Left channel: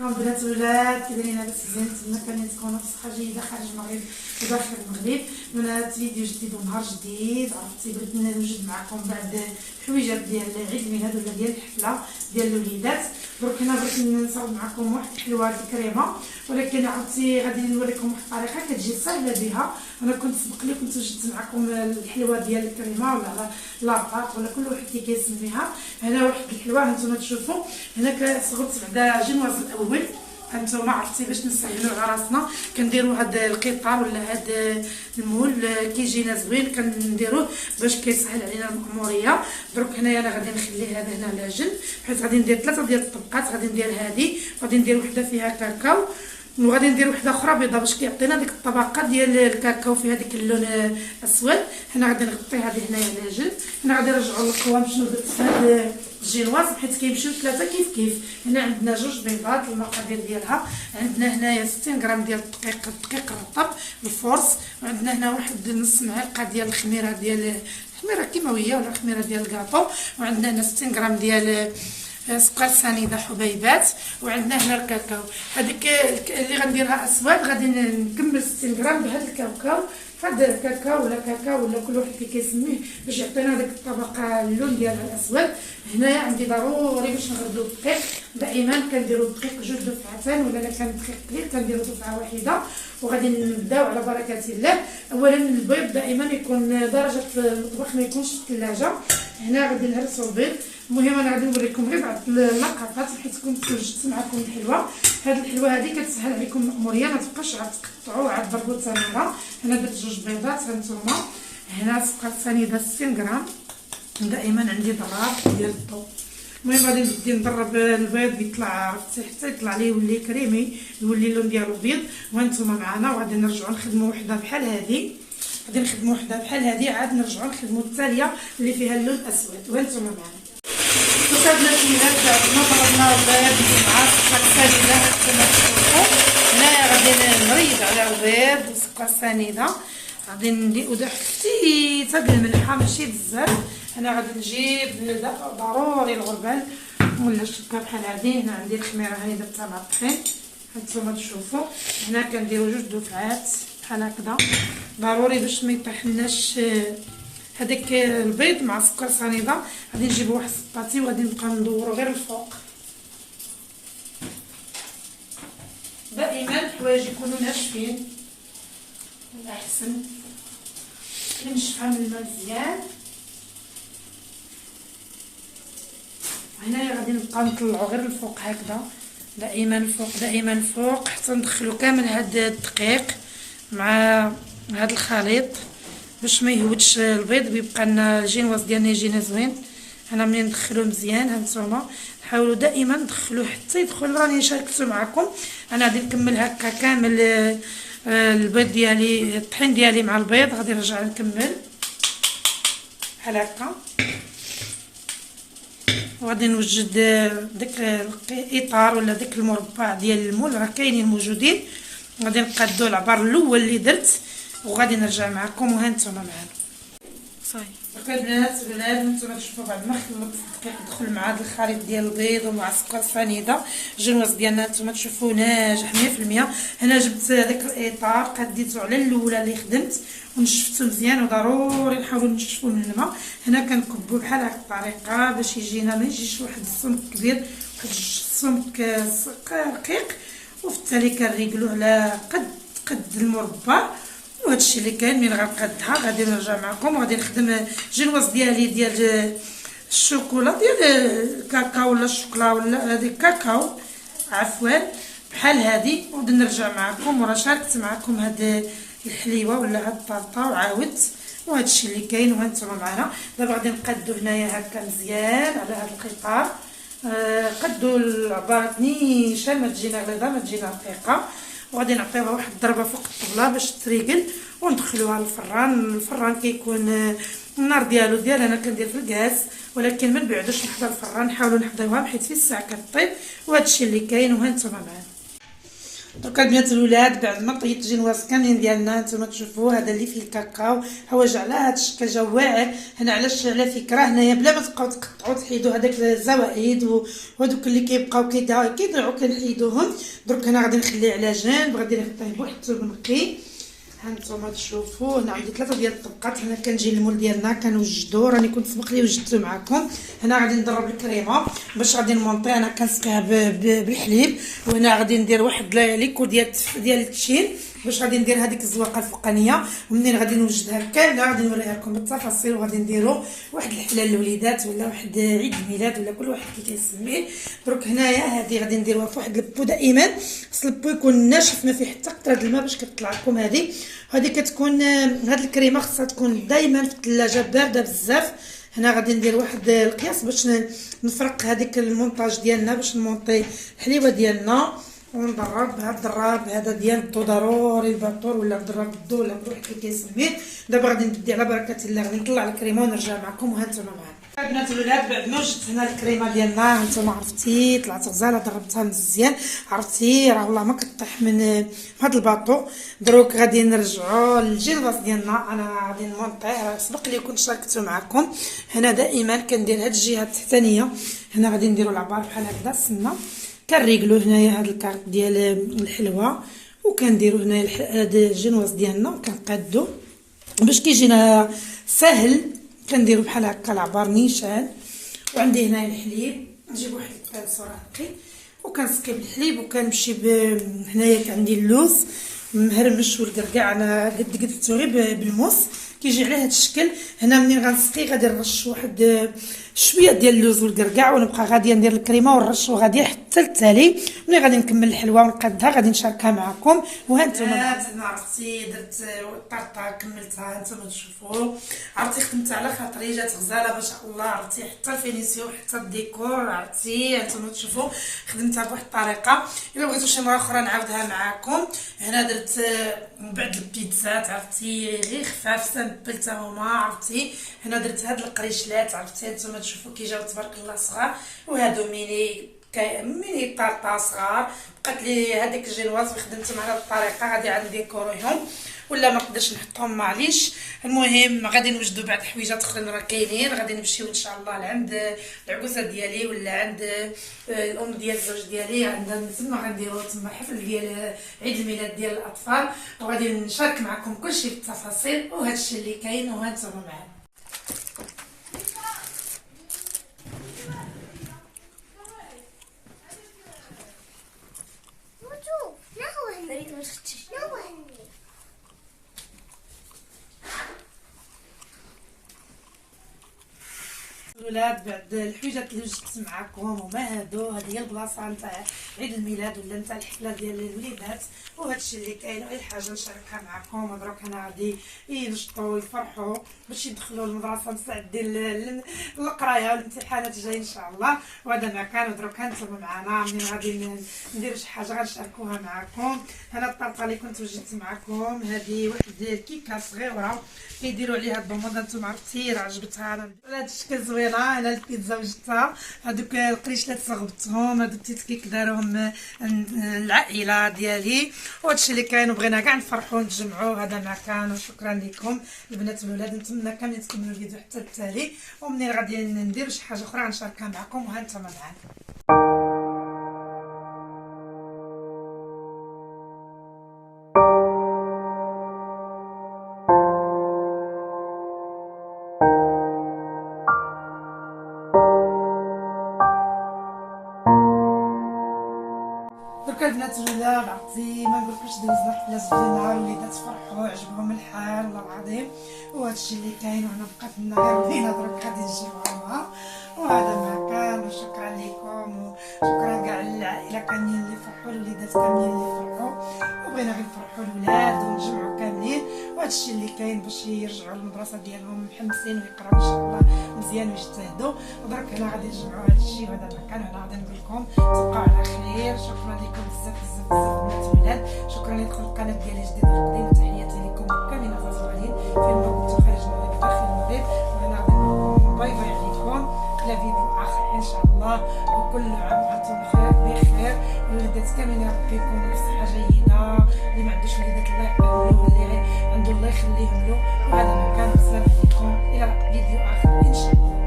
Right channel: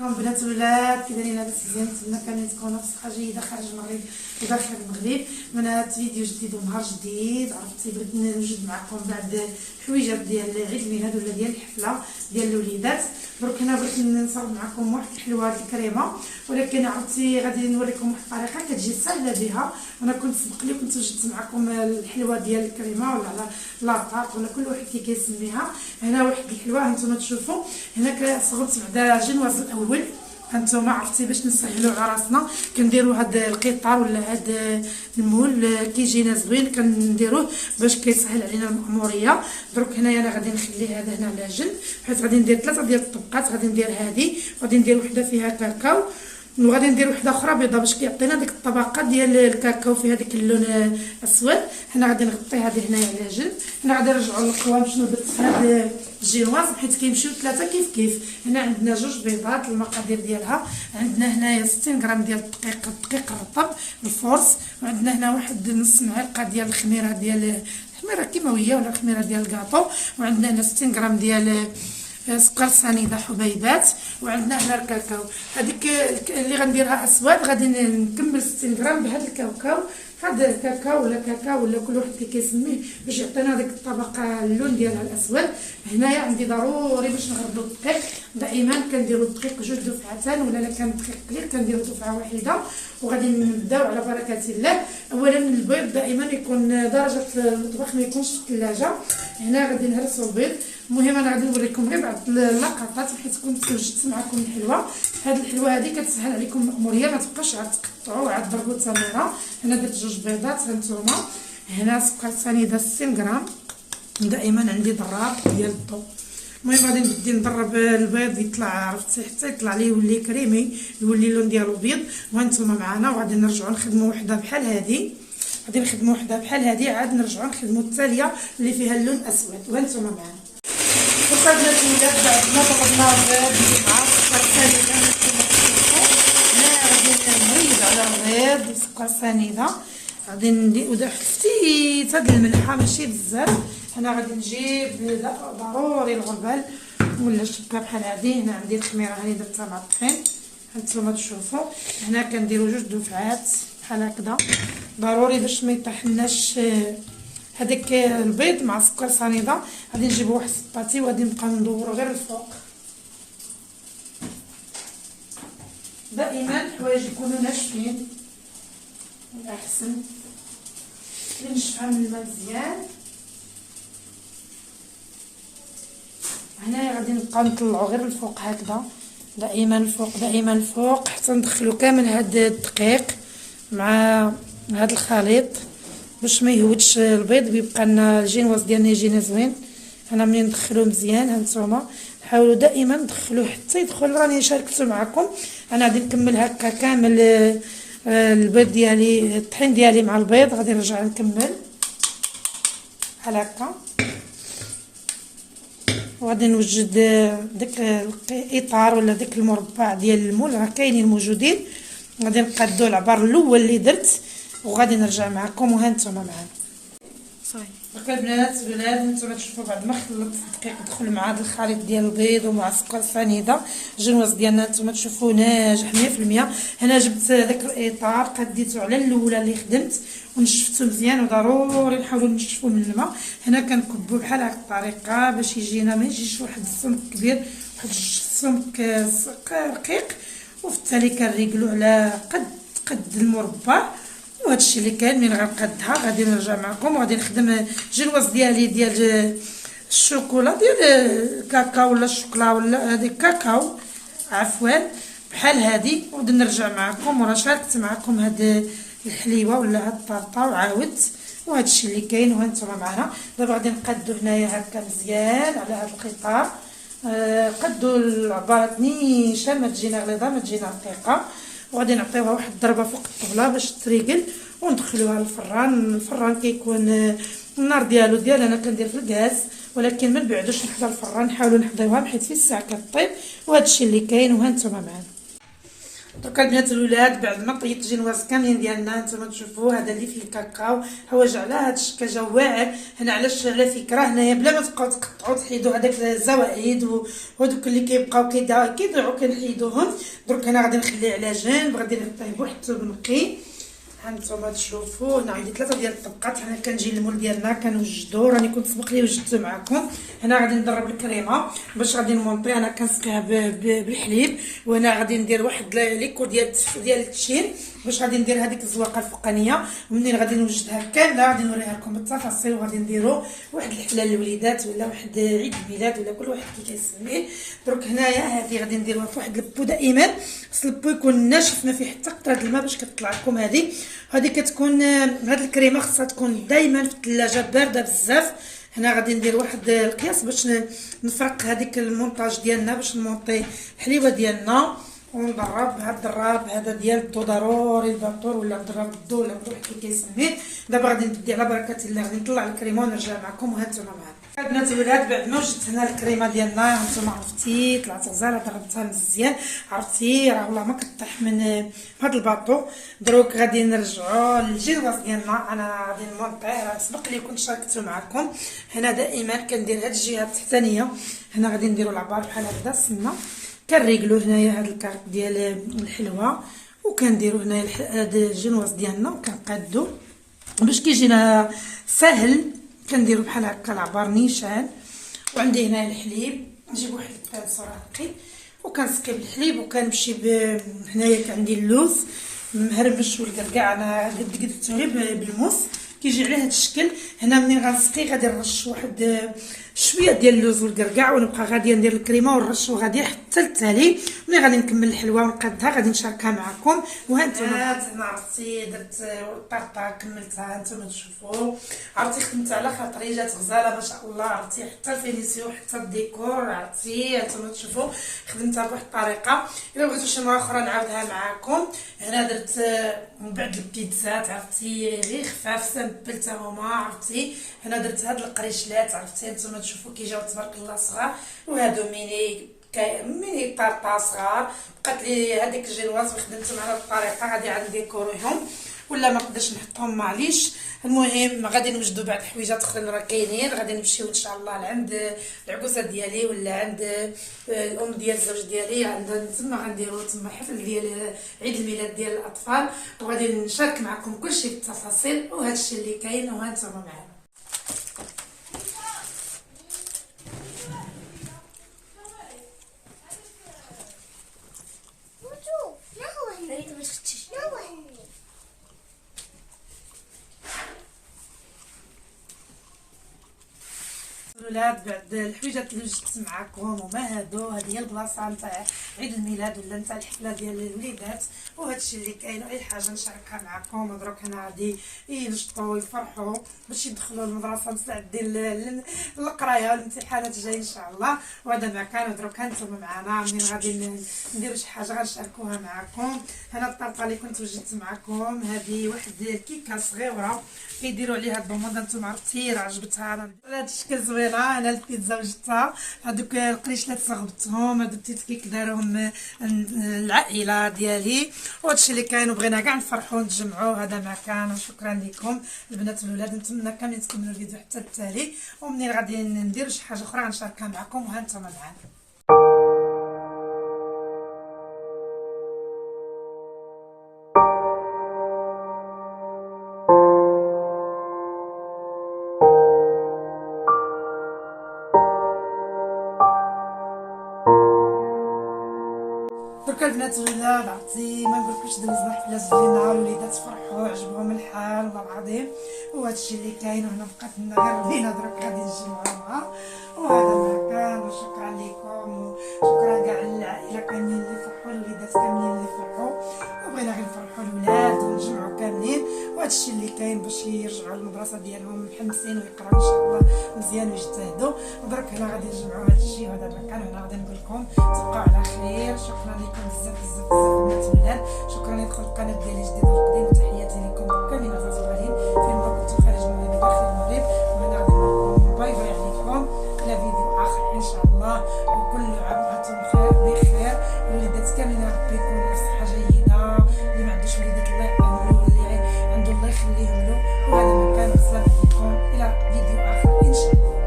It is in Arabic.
كون بنات الولاد كي دايرين لاباس مزيان نتمنى كان تكونوا بصحه جيده خارج المغرب وداخل المغرب. وانا فيديو جديد ونهار جديد. عرفتي بغيت نوجد معكم بعض الحويجات ديال عيد الميلاد ولا ديال الحفله ديال الوليدات. دروك هنا بغيت نصاوب معكم واحد الحلوه الكريمه، ولكن عرفتي غادي نوريكم واحد الطريقه كتجي سهله بها. انا كنت سبق لي كنت وجدت معكم الحلوه ديال الكريمه ولا على لاطاط ولا كل واحد كيسميها. هنا واحد الحلوه هانتوما تشوفوا هنا كصغرت بعدا جنواز الاول. هانتوما عرفتي باش نسهلوا على راسنا كنديروا هاد القطار ولا هاد المول كيجينا زوين كنديروه باش كيسهل علينا المأموريه. دروك هنايا انا غادي نخلي هذا هنا على جنب، حيت غادي ندير 3 ديال الطبقات. غادي ندير هذه، غادي ندير وحده فيها كاكاو، وغادي ندير وحده اخرى بيضاء باش كيعطينا ديك الطبقه ديال الكاكاو فيها ديك اللون اسود. هنا غادي نغطي هذه هنايا على جنب. هنا غادي نرجعوا للقوام شنو درت في هذا الجينواز حيت كيمشيو 3 كيف. هنا عندنا 2 بيضات المقادير ديالها. عندنا هنايا 60 غرام ديال الدقيق الرطب الفورس، وعندنا هنا واحد نص معلقه ديال الخميره كيماويه ولا الخميره ديال الكاطو، وعندنا هنا 60 غرام ديال سكر سنيده حبيبات، وعندنا هنا الكاكاو. هذيك اللي غنديرها اسود غادي نكمل 60 غرام بهذا الكاكاو. هذا الكاكاو ولا كاكاو ولا كل واحد كيسميه باش يعطينا ديك الطبقه اللون ديالها الاسود. هنايا عندي ضروري باش نغربلو الدقيق. دائما كنديرو الدقيق 2 دفعتان، ولا كان الدقيق قليل كنديرو دفعه واحده. وغادي نبداو على بركه الله. اولا البيض دائما يكون درجه المطبخ ما يكونش في الثلاجه. هنا غادي نهرسو البيض. المهم انا غادي نوريكم غير بعض اللقطات حيت كنت وجدت معكم الحلوه. هذه الحلوه هذه كتسهل عليكم المأموريه، ما تبقاش عاد تقطعوا عاد ضربوا سنيده. هنا درت 2 بيضات هانتوما. هنا سكر سنيده 60 غرام. دائما عندي ضراب ديال الضو. المهم غادي نبدي نضرب البيض يطلع عرفتي حتى يطلع ليه يولي كريمي يولي اللون ديالو بيض. وهانتوما معنا وغادي نرجعوا نخدموا وحده بحال هذه. غادي نخدموا وحده بحال هذه عاد نرجعوا نخدموا الثانيه اللي فيها اللون اسود. وهانتوما معنا وصلنا الولاد بعد ما ضربنا البيض مع السكر سنيده. هانتوما تشوفوا هنايا غادي نريد على البيض وسكر سنيده. غادي نديرو واحد خفيفه د الملحه ماشي بزاف. انا غادي نجيب ضروري الغربال ولا الشكه بحال هذه. هنا عندي الخميره هاني درتها مع الطحين. هانتوما تشوفوا هنا كنديروا 2 دفعات بحال هكذا ضروري باش ما يطيحلناش هذاك البيض مع السكر سنيده. غادي نجيب واحد السباتي وغادي نبقى ندور غير الفوق. دائما الحوايج يكونوا ناشفين الاحسن. نشفها من الماء مزيان. هنايا غادي نبقاو نطلعوا غير الفوق هكذا، دائما الفوق حتى ندخلوا كامل هاد الدقيق مع هاد الخليط باش ما يهودش البيض ويبقى لنا الجينواز ديالنا يجينا زوين. انا ملي ندخلوه مزيان هانتوما حاولوا دائما ندخلوه حتى يدخل. راني شاركته معكم. انا غادي نكمل هكا كامل البيض ديالي الطحين ديالي مع البيض. غادي نرجع نكمل بحال هكا. وغادي نوجد داك الاطار ولا داك المربع ديال المول راه كاينين موجودين. غادي نقادو العبار الاول اللي درت وغادي نرجع معكم. وهانتوما معنا صاي البنات هانتوما تشوفوا بعد ما خلطت الدقيق دخل مع هذا الخليط ديال البيض ومع السكر سنيده. الجنواز ديالنا هانتوما تشوفوا ناجح 100%. هنا جبت داك الاطار قديته على الاولى اللي خدمت ونشفته مزيان. وضروري نحاولوا نشفوا من الماء. هنا كنكبوا بحال هكا الطريقه باش يجينا ما يجيش واحد السمك كبير واحد السمك رقيق. وفي التالي كنريقلو على قد المربع. وهادشي اللي كاين. من غنقادها غادي نرجع معكم وغادي نخدم الجنواز ديالي ديال الشوكولا ديال الكاكاو ولا الشوكولا ولا هذيك كاكاو عفوا بحال هذه. وغادي نرجع معكم وراه شاركت معكم هاد الحليوه ولا هاد الطرطه وعاودت. وهادشي اللي كاين. وهانتوما معنا دابا غادي نقادو هنايا هكا مزيان على هاد القطار. قدوا العبارات نيشان ما تجينا غليظه ما تجينا رقيقه. وغادي نعطيوها واحد الضربه فوق الطبله باش تريقل وندخلوها للفران. الفران كيكون النار ديالو انا كندير في الغاز، ولكن ما نبعدوش نحضر الفران. نحاولوا نحضروها حيت في الساعه كطيب. وهادشي اللي كاين. وهانتوما معنا دركا البنات الولاد بعد ما طيبت جينواز كاملين ديالنا نتوما تشوفوا هذا اللي فيه الكاكاو حوايج على هذا الشكل جا واعر. هنا علاش على فكره هنايا بلا ما تبقاو تقطعوا تحيدوا هذاك الزوائد وهذوك اللي كيبقاو كيضيعوا كنحيدوهم. درك هنا غادي نخليه على جنب، غادي نطيب واحد الثوب نقي. هانتوما تشوفوا هنا عندي 3 ديال الطبقات. هنا كنجي المول ديالنا كنوجدو، راني كنت سبق لي وجدته معكم. هنا غادي نضرب الكريمه باش غادي نمونطي. انا كنسقيها بالحليب، وهنا غادي ندير واحد ليكو ديال التشين باش غادي ندير هذيك الزواقه الفوقانيه. ومنين غادي نوجدها كامله غادي نوريها لكم بالتفاصيل. وغادي نديرو واحد الحفله للوليدات ولا واحد عيد الميلاد ولا كل واحد كي كيسميه. درك هنايا هذه غادي نديروها في واحد البو. دائما خص البو يكون ناشف ما فيه حتى قطره الماء باش كتطلع لكم هذه كتكون هاد الكريمه خصها تكون دائما في الثلاجه بارده بزاف. هنا غادي ندير واحد القياس باش نفرق هذيك المونطاج ديالنا باش نمونطي الحليوه ديالنا ونضرب بهذا الضراب هذا ديال الضو. ضروري الباطور ولا ضرب الضو ولا بروح كي كيسميه. دابا غادي نبدي على بركه الله، غادي نطلع الكريمه ونرجع معكم. وهانتوما معايا البنات الولاد بعد ما وجدت هنا الكريمه ديالنا هانتوما عرفتي طلعت غزاله ضربتها مزيان عرفتي راه والله ما كطيح من هذا الباطو. دروك غادي نرجعوا للجينواز ديالنا. انا غادي نمونطيه سبق لي كنت شاركته معكم. هنا دائما كندير هاد الجهه التحتانيه. هنا غادي نديروا العبار بحال هكذا السنه كنريقلو هنايا هاد الكارت ديال الحلوه وكنديرو هنايا هاد الجينواز ديالنا وكنقادو باش كيجينا سهل. كنديرو بحال هكا العبار نيشان. وعندي هنايا الحليب نجيب واحد الكاس نقي وكنسقي بالحليب وكنمشي هنايا عندي اللوز مهرمش والكركاع. انا قدرتو غير بالموس كيجي على هذا الشكل. هنا منين غنسقي غادي نرش واحد شويه ديال اللوز والكركاع ونبقى غاديه ندير الكريمه ونرش وغادي حتى التالي. ملي غادي نكمل الحلوه ونقادها غادي نشاركها معكم. وهانتوما عرفتي درت الطرطه كملتها هانتوما تشوفوا عرفتي خدمت على خاطري جات غزاله ما شاء الله عرفتي حتى الفينيسيو حتى الديكور عرفتي هانتوما تشوفوا خدمتها بواحد الطريقه. الا بغيتو شي مره اخرى نعاودها معكم. هنا درت من بعد البيتزات عرفتي غير خفاف سامبل تا هما عرفتي. هنا درت هاد القريشلات عرفتي هانتوما تشوفوا كيجاو تبارك الله صغار. وهادو ميني طارطا صغار. بقات لي هذيك الجينواز خدمت على الطريقه غادي عاد نديكوريهم ولا ما نقدرش نحطهم معليش. المهم غادي نوجدوا بعض الحويجات اخرين راه كاينين. غادي نمشيو ان شاء الله لعند العكوسه ديالي ولا عند الام ديال الزوج ديالي عندنا تما غنديروا تما حفل ديال عيد الميلاد ديال الاطفال. وغادي نشارك معكم كلشي بالتفاصيل وهذا الشيء اللي كاين. وهانتوما معايا الولاد. بعد الحويجات اللي وجدت معكم وما هادو هذه هي البلاصه نتاع عيد الميلاد ولا نتاع الحفله ديال الوليدات. وهذا الشيء اللي كاين غير حاجه نشاركها معكم. مبروك هنا غادي ينشطوا ويفرحوا باش يدخلوا المدرسه مستعدين للقرايه والامتحانات الجايه ان شاء الله. وهذا ما كان. ودروك هانتوما معنا منين غادي نديروا شي حاجه غنشاركوها معكم. هنا الطرطه اللي كنت وجدت معكم هذه واحد الكيكه صغيره كيديروا عليها الضماد. انتم عرفتي راه عجبتها انا بهذا الشكل زوينه. انا البيتزا وجدتها هذوك القريشلات صغبتهم هذوك الكيك داروهم العائله ديالي. وهادشي اللي كاين وبغينا كاع نفرحوا نتجمعوا. هذا ما كان. وشكرا لكم البنات والولاد. نتمنى كاملين تكملوا الفيديو حتى التالي. ومنين غادي ندير شي حاجه اخرى غنشاركها معكم. وهانتوما معانا البنات الولاد. عرفتي ما نقولكش دوزنا حفله زوينه الوليدات فرحوا عجبهم الحال والله العظيم. وهذا الشيء اللي كاين. وهنا بقات لنا غير بينا دروك غادي نجمعوها. وهذا ما كان. وشكرا لكم وشكرا كاع العائله كاملين اللي فرحوا الوليدات كاملين اللي فرحوا. وبغينا غير نفرحوا الولاد ونجمعوا كاملين. وهذا الشيء اللي كاين باش يرجعوا للمدرسه ديالهم محمسين ويقراو ان شاء الله مزيان ويجتهدوا. ودرك هنا غادي نجمعوا هذا الشيء وهذا ما كان. وهنا غادي نقول لكم تبقاو على خير. شكرا لكم بزاف بزاف بزاف البنات والولاد. شكرا لكم القناه ديالي جديده القديم. وتحياتي لكم كاملين الصغارين فين ما كنتو خارج المغرب داخل المغرب. وهنا غادي نقول لكم باي باي عليكم. الى فيديو اخر ان شاء الله. وكل عام وانتم بخير. الوليدات كاملين يا ربي يكونوا بصحه جيده، اللي ما عندوش وليدات الله يقبل له، اللي عنده الله يخليهم له. وهذا ما كان. السلام عليكم، الى فيديو اخر ان شاء الله.